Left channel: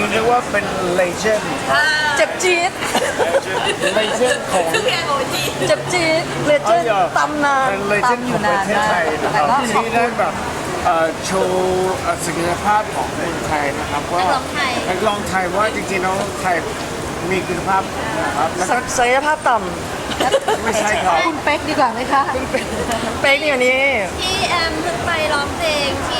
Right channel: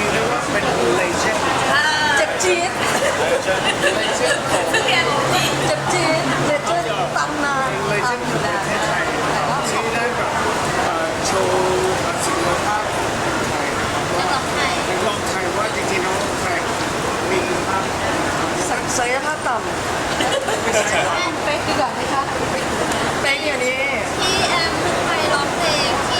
ซีเรียกว่าเป็นเลเจนด์อ่าเจ็บจี๊ดเลเจนด์เลเจนด์ของเนโอจีเจ็บจี๊ดเลเจนด์ตำนานเป็ลเจนด์ของประเทศไทยที่ได้แบบโชว์ศักยภาพของเพลไทยนะครับนัว่ากร้องไทยกร้องไทยเพราะว่าจริงๆน้องไทยมีคุณภาพนะครับศักยภาพต่ไม่ใช่ครับำเป๊กดีกว่าไหมคะ เป็นอยู่นี่ที่แอมเพิ่งไปร้องเพลงที่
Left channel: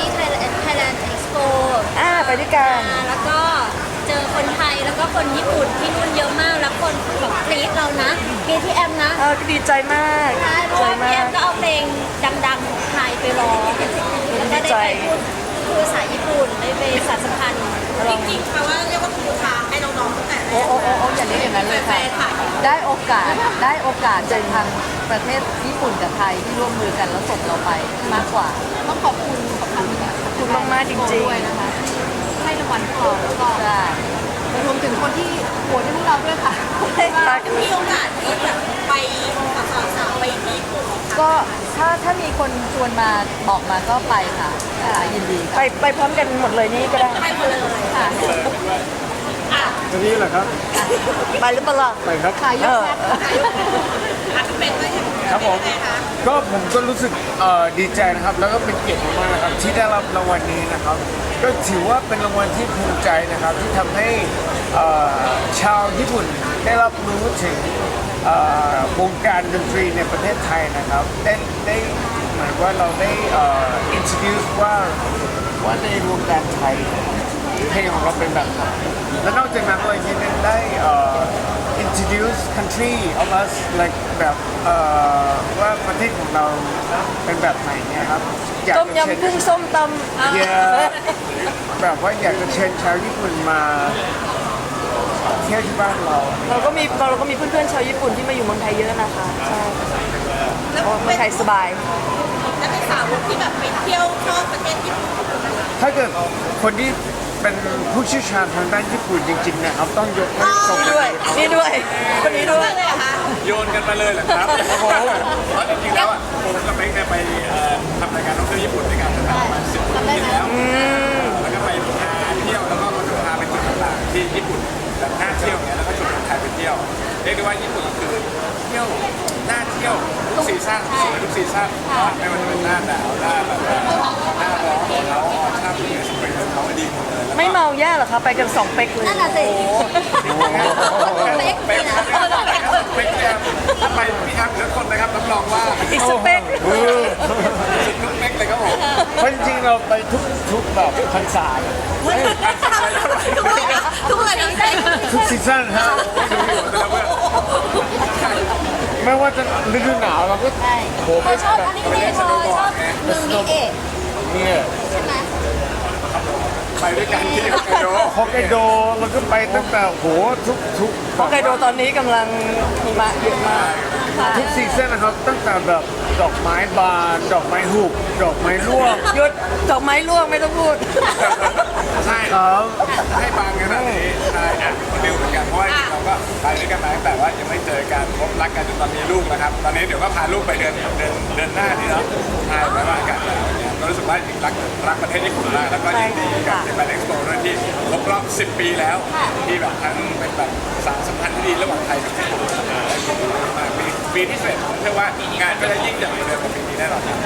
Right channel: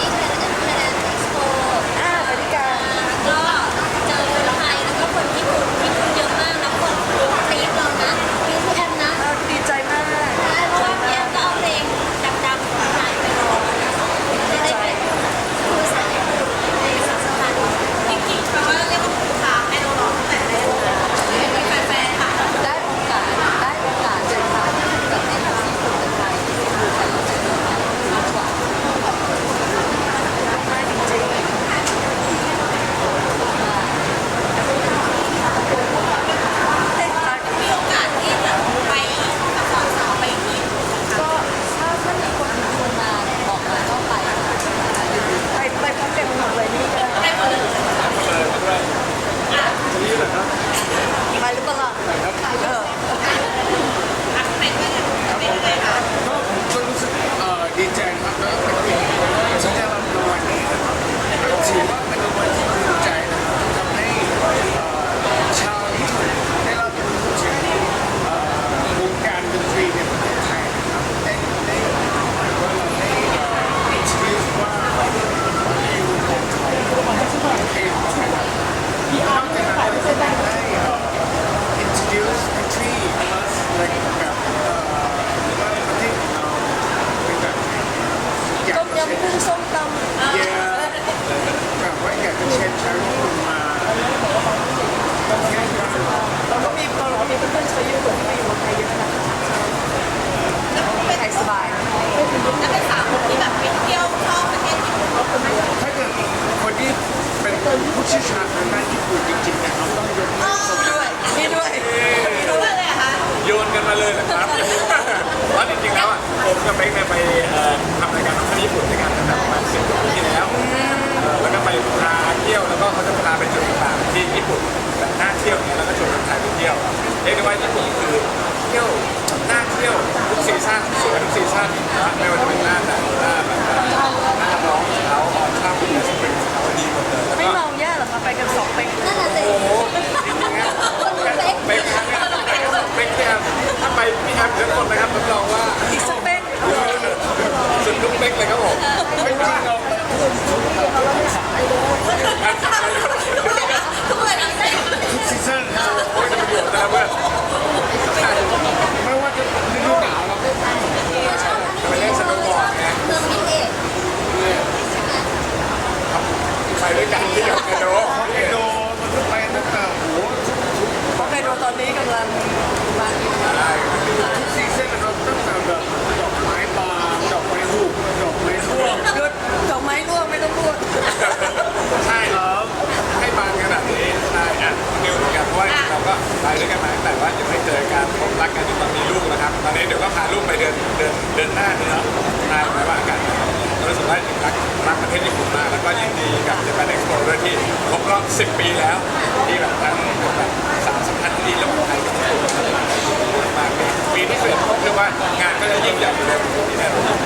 ไปหรือเปล่าล่ะไปครับเออถ่ายรูปกันอะพี่เป็กว่าอย่างครับเป็นผมยังไงคะก็ผมก็รู้สึกเอ่อดีใจนะครับแล้วก็เป็นเกียรติมากนะครับที่ได้รับรางวัลนี้นะครับ ก็ถือว่าเป็นรางวัลที่ภูมิใจนะครับที่ทำให้เอ่อชาวญี่ปุ่นได้รับรู้ถึงเอ่อวงการดนตรีในประเทศไทยนะครับ ได้ได้เหมือนว่าเราได้เอ่อ introduce ว่าว่าในวงการไทยเพลงของเราเป็นแบบไหนและนอกจากนั้นเรายังได้เอ่อ introduce country of us like แบบเอ่อว่าประเทศของเราเป็นแบบไหนนะครับอยากต้มเชิญยำกุ้งส้มตำเยแบบว่าอยากเชิญชาวญี่ปุ่นมาเที่ยวที่บ้านเราเราก็มีเราก็มีเพื่อนๆชาวญี่ปุ่นที่มาอยู่เมืองไทยเยอะนะคะแล้วเป็นไทยสบาย แล้วเป็นสาวกที่แบบไปเที่ยวชอบประเทศญี่ปุ่นไหมคะถ้าเกิดคนที่เป็นผู้เชี่ยวชาญทางด้านญี่ปุ่นจริงๆเนี่ยเขาต้องยกอ๋อด้วยนี่ด้ มาเลยเหรอครับ เพราะจริงๆแล้วอะผมกับเป๊กเนี่ยไปเอ่อทำรายการท่องเที่ยวญี่ปุ่นด้วยกันตั้งแต่ประมาณสิบกว่าปีแล้วเอ่อแล้วก็ไปพาเที่ยวแล้วก็เขาจะพาไปจุดต่างๆที่ญี่ปุ่นแบบน่าเที่ยวเนี่ยแล้วก็ชวนคนไทยไปเที่ยวเรียกได้ว่าญี่ปุ่นคือเที่ยวน่าเที่ยวทุกซีซั่นสวยทุกซีซั่นนะไม่ว่าจะเป็นหน้าหนาวหน้าแบบเอ่อหน้าร้อนของเขาออทัมอย่างเงี้ยสปริงของเขาดีหมดเลยแล้วไม่ก็ เมาแย่หรอคะไปกันสองเป๊กนั่นแหละสิ โอ้โห นนะครับรับรองว่าอีกสเป๊กสุดลูกเป๊กเลยครับผมเพราะจริงๆเราไปทุกทุกแบบพรรษาอันสายแล้วไปทุกคนทุกคนทั้งใจทุกซีซั่นครับดูอยู่แต่ละเพื่อนไม่ว่าจะฤดูหนาวเราก็ใช่เขาชอบอันนี้เลยชอบเมืองมิเอะเนี่ยใช่ไหมครับไปด้วยกันที่ฮอกไกโดฮอกไกโดเราก็ไปตั้งแต่โหทุกทุกฮอกไกโดตอนนี้กำลังมาใช่กำลังดีทุกซี ใช่ครับจะให้บานขนาดนี้ใช่อะคุณนิวเหมือนกันเพราะว่าเราก็ไปด้วยกันมาตั้งแต่ว่ายังไม่เจอกันพบรักกันจนตอนมีลูกแล้วครับ ตอนนี้เดี๋ยวก็พาลูกไปเดินเดินเดินหน้านี่เนาะใช่ไหมว่าอากาศหนาวเนี่ยก็รู้สึกว่าจริงรักรักประเทศญี่ปุ่นมาก แล้วก็ยินดีกับ Japan Expo ด้วยที่ครบรอบ 10 ปีแล้วที่แบบทั้งเป็นแบบสารสัมพันธ์ที่ดีระหว่างไทยกับญี่ปุ่นครับได้ยินดีมากๆปีปีที่เสร็จผมเชื่อว่างานก็จะยิ่งใหญ่กว่าเดิมกว่าปีนี้แน่นอนครับ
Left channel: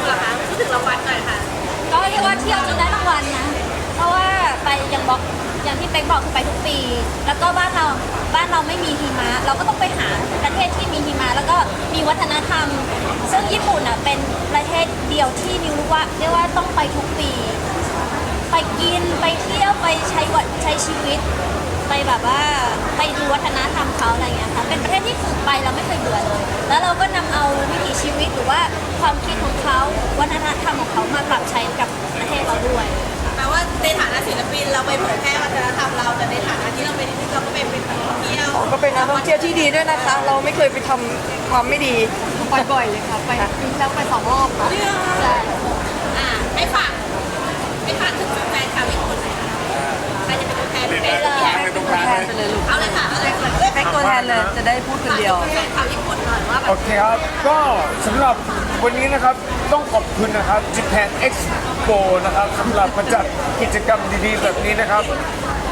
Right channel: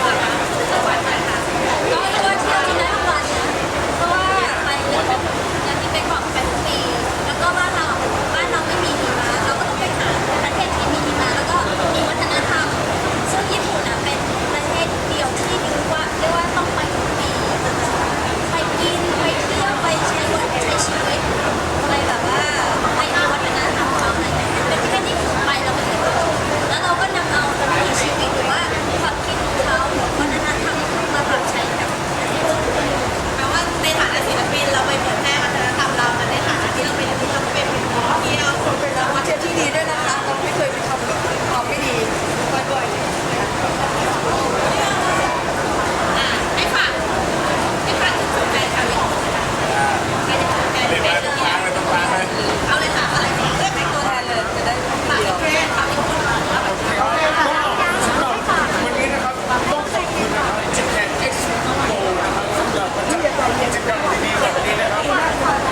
พี่นิวล่ะคะเราวัดหน่อยค่ะ ก็เรียกว่าเที่ยวจนได้รางวัลนะ เพราะว่าไปอย่างบอกอย่างที่เป๊กบอกไปทุกปี แล้วก็บ้านเราบ้านเราไม่มีหิมะเราก็ต้องไปหาประเทศที่มีหิมะแล้วก็มีวัฒนธรรม ซึ่งญี่ปุ่นอะเป็นประเทศเดียวที่นิวรู้ว่าเรียกว่าต้องไปทุกปี ไปกินไปเที่ยวไปใช้วัดใช้ชีวิตไปแบบว่า ความคิดของเขาวัฒนธรรมของเขามาปรับใช้กับประเทศเราด้วยแปลว่าในฐานะศิลปินเราไปเผยแพร่วัฒนธรรมเราแต่ในฐานะที่เราเป็นเราก็เป็นเป็นนักท่องเที่ยวก็เป็นนักท่องเที่ยวที่ดีด้วยนะ นนี้นะครับต้องขอบคุณนะครับ Japan Expo นะครับสำหรับมาจัดกิจกรรมดีๆแบบนี้นะครับ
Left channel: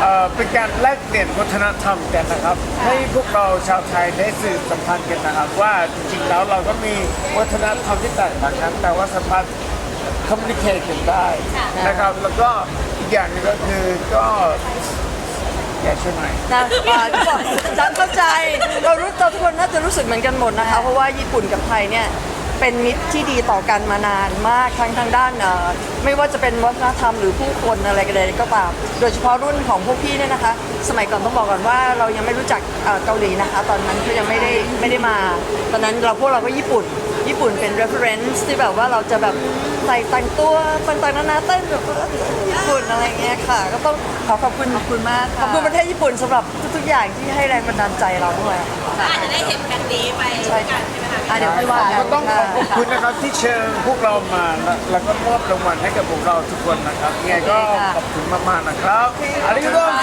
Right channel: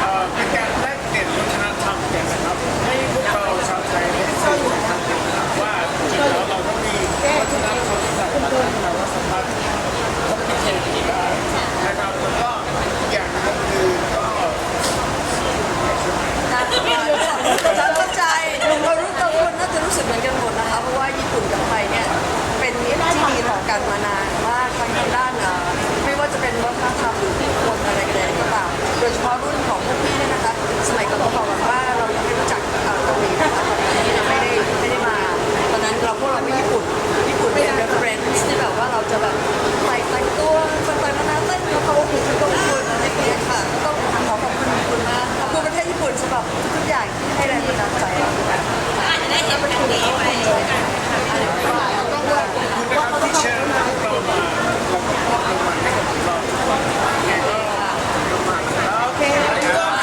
เอ่อเป็นการแลกเปลี่ยนวัฒนธรรมกันนะครับ ให้พวกเราชาวไทยได้สื่อสัมพันธ์กันนะครับ ว่าจริงๆแล้วเราก็มีวัฒนธรรมที่แตกต่างกันแต่ว่าสามารถคอมมิวนิเคชันได้นะครับแล้วก็อีกอย่างหนึงก็คือก็อยากชวนไหนน่าจะมาจะเข้าใจเรารู้ตัวคนน่าจะรู้สึกเหมือนกันหมดนะคะ เพราะว่าญี่ปุ่นกับ เป็นมิตรที่ดีต่อกันมานานมากทั้งทางด้านเอ่อไม่ว่าจะเป็นวัฒนธรรมหรือผู้คนอะไรกันเลยก็ตามโดยเฉพาะรุ่นของพวกพี่เนี่ยนะคะ สมัยก่อนต้องบอกก่อนว่าเรายังไม่รู้จักเอ่อเกาหลีนะคะตอนนั้นยังไม่ได้ไม่ได้มาตอนนั้นเราพวกเราก็ญี่ปุ่น ญี่ปุ่นเป็น reference ที่แบบว่าเราจะแบบใส่แต่งตัวต่างๆนานาเต้นกับเขาญี่ปุ่นอะไรอย่างเงี้ยค่ะก็ต้องขอขอบคุณขอบคุณมากขอบคุณประเทศญี่ปุ่นสำหรับทุกอย่างที่ให้แรงบันดาลใจเราด้วยอาจจะได้เห็นแบบนี้ไปด้วยกันใช่ไหมคะพี่เต้ก็ต้อง ขอบคุณนะครับที่เชิญพวกเรามาแล้วก็มอบรางวัลให้กับพวกเราทุกคนนะครับยังไงก็ขอบคุณมากๆนะครับありがとうございます